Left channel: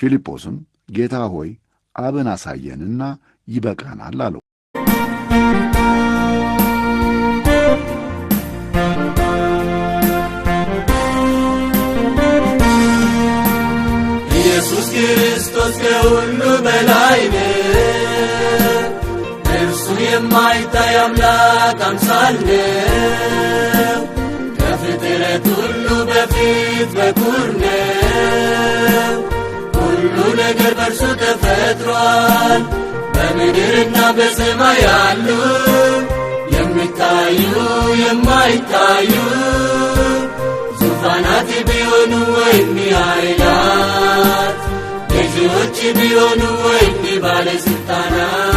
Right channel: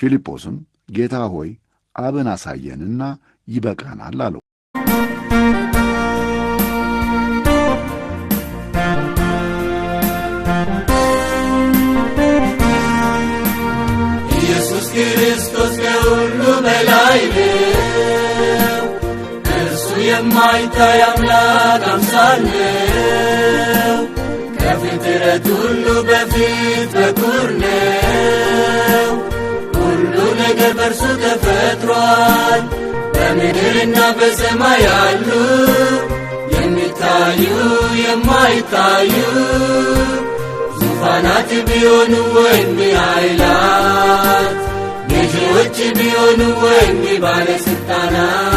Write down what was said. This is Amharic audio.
ፊልጶስም ጌታ ሆይ አብን አሳየንና ይበቃናል አለው። ኢየሱስ ክርስቶስ ከሁሉ በላይ ነው። እርሱ የማይታይ አምላክ አምሳል ነው። ከፍጥረት ሁሉ በፊት በኩር ነው። ሁሉ ነገር በእርሱ ተፈጥሯል። በምድርና በሰማይ ያሉ የሚታዩ የማይታዩ ዙፋናት ቢሆኑ ወይም ኃይላት ገዢዎች ቢሆኑ ወይም ባለሥልጣናት